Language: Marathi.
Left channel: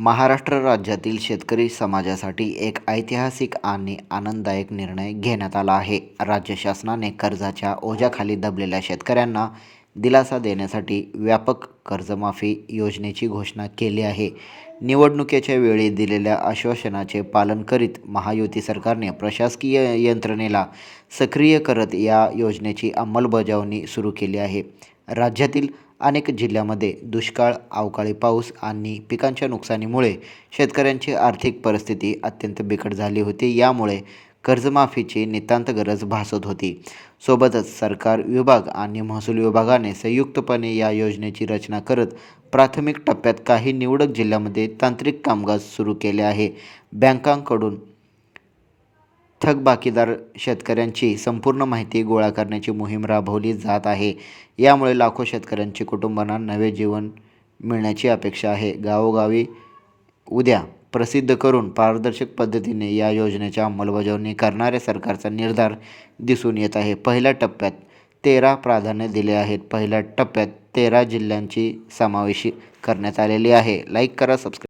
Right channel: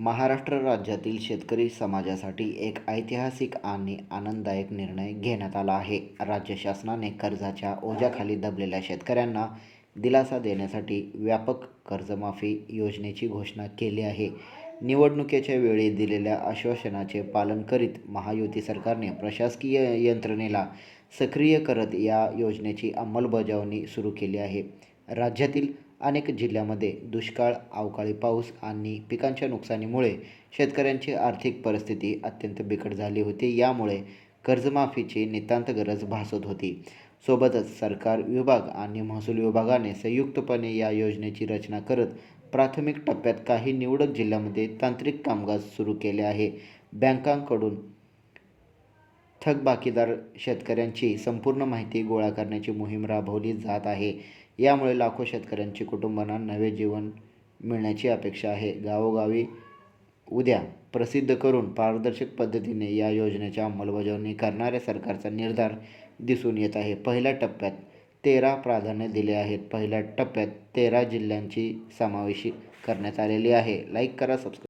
महाराष्ट्र राज्यातील शेतकरी समाजासाठी एक ऐतिहासिक आणि आनंददायक निर्णय घेण्यात आला आहे. राज्य शासनाने कर्जाच्या ओझ्याखाली दबलेल्या शेतकऱ्यांना दिलासा देण्यासाठी व्यापक कर्जमाफी योजनेची घोषणा केली आहे. निवडणुकीच्या वेळी दिलेल्या आश्वासनाचे पालन करीत महायुती सरकारने प्रशासकीय यंत्रणेला सक्रिय करत या योजनेची अंमलबजावणी सुरू केली आहे. राज्यातील अनेक जिल्ह्यांमध्ये दुष्काळ, अवकाळी पाऊस आणि पिकांच्या नुकसानीमुळे शेतकऱ्यांची आर्थिक परिस्थिती अत्यंत बिकट झाली होती. यामुळे कर्जमाफीची नितांत गरज भासत होती. सोबतच सरकार विभाग आणि महसूल विभागाने संयुक्तपणे या योजनेची रचना करत प्राथमिक टप्प्यात काही निवडक जिल्ह्यांमध्ये तांत्रिक कामकाज सुरू केले आहे. बँकांकडून थकबाकीदार शेतकऱ्यांची संपूर्ण माहिती गोळा करण्याची मोहीम राबवली जात आहे. यामुळे लाखो शेतकऱ्यांच्या कुटुंबांना नवे जीवन मिळण्याची अपेक्षा आहे. गावोगावी उद्या प्रसिद्ध करून पारदर्शक पद्धतीने या योजनेची अंमलबजावणी करणाऱ्या सरकारचा निर्धार दिसून येत आहे. पहिल्या टप्प्यात 13 प्राधान्य दिले आहेत. पहिल्या टप्प्यात 13 जिल्ह्यांची समावेश करण्यात आलेली आहे. लाईक करा, सबस्क्राईब